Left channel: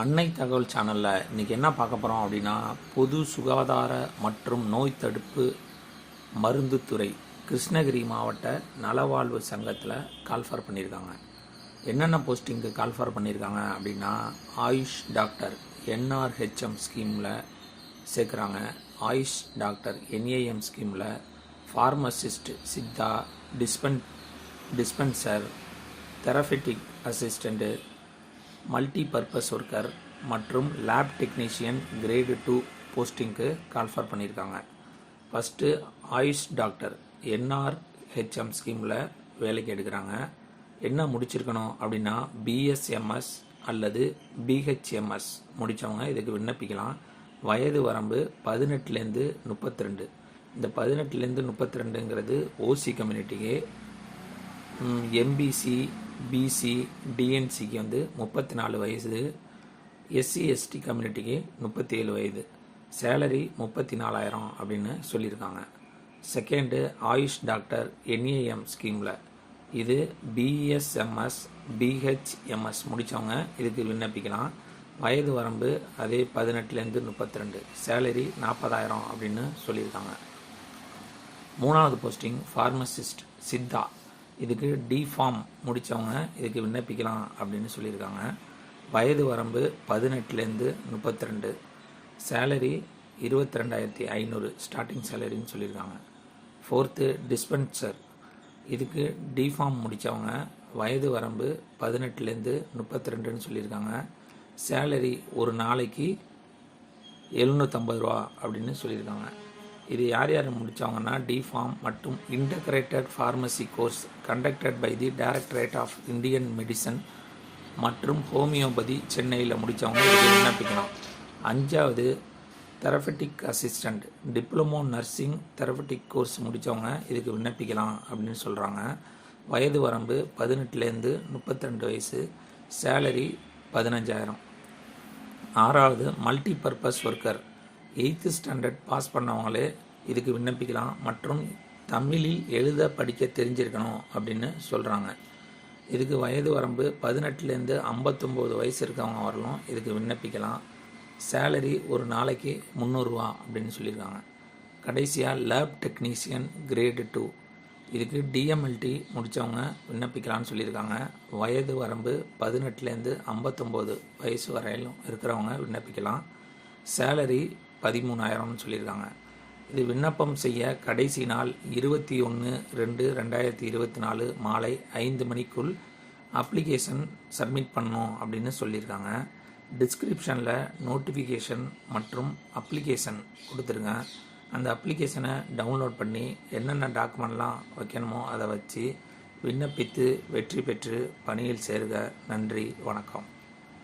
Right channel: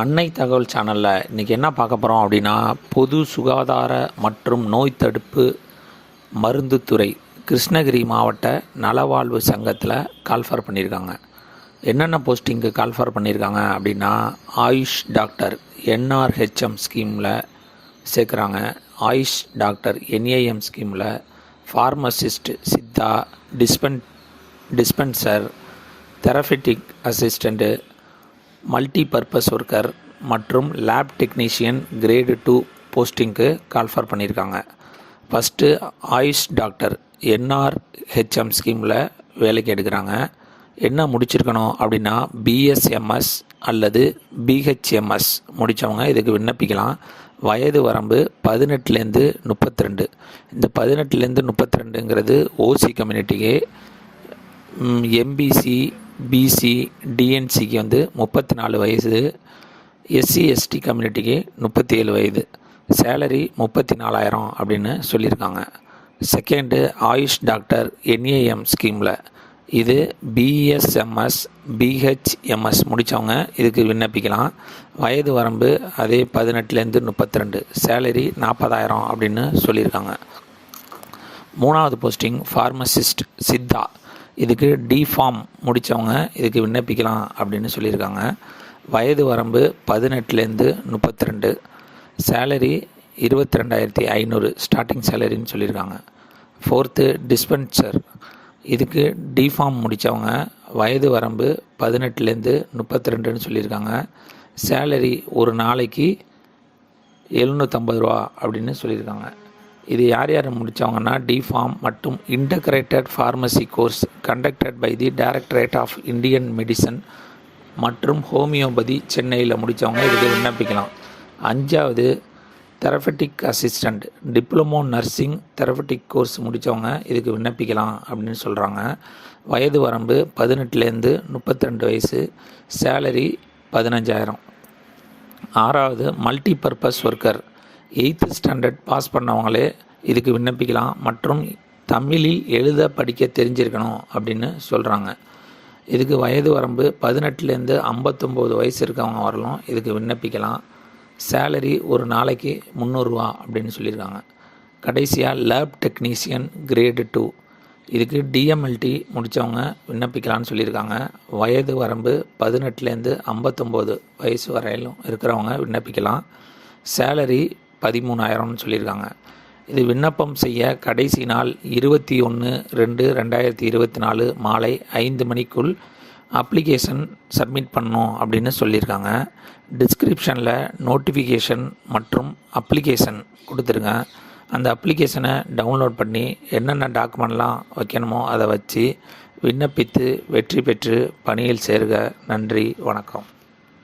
அன்னை தகவல் சேனலில் இன்றைக்கி என்ன பார்க்க போகிறோம் அப்படின்னா, பொது சுகாதார மற்றும் நோய் தடுப்பு மருந்துத்துறை கிருஷ்ணகிரி மாவட்ட நலவாழ்வு சங்கத்தில் கால்ஃபர் பண்ணியிருக்காங்க. என்னென்ன போஸ்டிங்க்கு கால்ஃபர் பண்ணியிருக்காங்க அப்படின்னா, ஆயுஷ் டாக்டர் என்ஆர்ஹெச்எம் ஸ்கீமில் சேர்க்குறாங்க. ஆயுஷ் டாக்டர் என்ஏஎம் ஸ்கீமில் pharmacist, Siddha, dispenser, therapeutic assistant, multi purpose worker மற்றும் லேப் டெக்னீஷியன் கிரேடு 2 போஸ்டிங்க்கு கால்ஃபர் பண்ணியிருக்காங்க. ஃபஸ்ட்டு ஆயுஷ் டாக்டர் என்ஆர்ஹெச்எம் ஸ்கீமில் வேலைக்கு எடுக்கிறாங்க. என்ன முடிச்சிருக்கணும் அப்படின்னா, பிஎஸ்எம்எஸ் அல்லது பிஹெச்எம்எஸ் முடித்தவங்க இதுக்கு விண்ணப்பிக்கலாம். வயது வரம்பு 18லேருந்து 32. இந்த 18லேருந்து 32ங்கிறது ஓசி கம்யூனிட்டிக்கு, எம்பிசி, பிசி, டிஎன்சிக்கு 34 வயசு, எஸ்சி எஸ்டி கம்யூனிட்டிக்கு 37 வயது. சேலரி 34,000 அப்படின்னு சொல்லியிருக்காங்க. செகண்டு ஆயுஷ் டாக்டர் என்ஏஎம் ஸ்கீமில் இது பிஎஸ்எம்எஸ், பிஹெச்எம்எஸ் முடித்தவங்க இதுக்கு விண்ணப்பிக்கலாம். வயது வரம்பு அதே 18லேருந்து 32, சேலரி 40,000 அப்படின்னு சொல்லியிருக்காங்க. மூணாவது போஸ்டிங் ஃபார்மசிஸ்ட் சித்தா, இதுக்கு டிஃபார்ம் முடித்தவங்க இதுக்கு விண்ணப்பிக்கலாம் அப்படின்னு சொல்லியிருக்காங்க. வயது வரம்பு 18லேருந்து 32, சேலரி 22,500 ஸ்டார்டிங் சேலரின்னு சொல்லியிருக்காங்க. ஃபோர்த்து டிஸ்பென்சர், இதுக்கு டிஃபார்ம் முடித்தவங்க வயது வரம்பு 18லேருந்து 32ன்னு சொல்லியிருக்காங்க. சேலரி ஒரு நாளைக்கு 750 ரூபா அப்படின்னு சொல்லியிருக்காங்க. இது யார் யார் முடித்தவங்கன்னா, டிஃபார்ம் மற்றும் integrated pharmacy course conducted by the directorate of Indian medicine மற்றும் ஹோமியோபதி சென்னையில் முடித்தவங்க இதுக்கு விண்ணப்பிக்கலாம். அஞ்சாவது therapeutic assistant, diploma nursing therapeutic course முடித்தவங்க இதுக்கு விண்ணப்பிக்கலாம் அப்படின்னு சொல்கிறாங்க. வயது வரம்பு 18லேருந்து 32 வயசு, சேலரி 15,000. ஆறாவது multi purpose worker, 8th standard pass பண்ணவங்களே இதுக்கு விண்ணப்பிக்கலாம் மற்றும் தமிழில் எழுத படிக்க தெரிஞ்சிருக்கணும் அப்படின்னு சொல்கிறாங்க. இதுக்கு வயது வரம்பு 18லேருந்து 59 வயசு இருக்கவங்க வரலாம் இதுக்கு விண்ணப்பிக்கலாம். சேலரி ஒரு நாளைக்கு 300 ரூபா அப்படின்னு சொல்லியிருக்காங்க. கடைசியாக லேப் டெக்னீஷியன் கிரேடு 2, இதுக்கு டிஎம்எல்டி முடித்தவங்க விண்ணப்பிக்கலான்னு சொல்லியிருக்காங்க. வயது வரம்பு 18லேருந்து 59 வயசு வரையிலும் இருக்கிறவங்க விண்ணப்பிக்கலாம். சேலரி 13,000ன்னு சொல்லியிருக்காங்க. இது விண்ணப்பம் செய்ய கடைசி நாள் 21/2/2024 மாலை 5 மணிக்குள் அப்ளிகேஷன் சப்மிட் பண்ணணும் அப்படின்னு சொல்லியிருக்காங்க. டிஸ்கிரிப்ஷனில் நோட்டிஃபிகேஷன் மற்றும் அப்ளிகேஷன் கொடுத்துருங்க. அந்த அப்ளிகேஷனை டவுன்லோட் பண்ணி என்னென்ன டாக்குமெண்ட்லாம் வைக்கணுமோ அதை வச்சு விண்ணப்பித்து வெற்றி பெற்று பணியில் சேருக. நன்றி, வணக்கம்.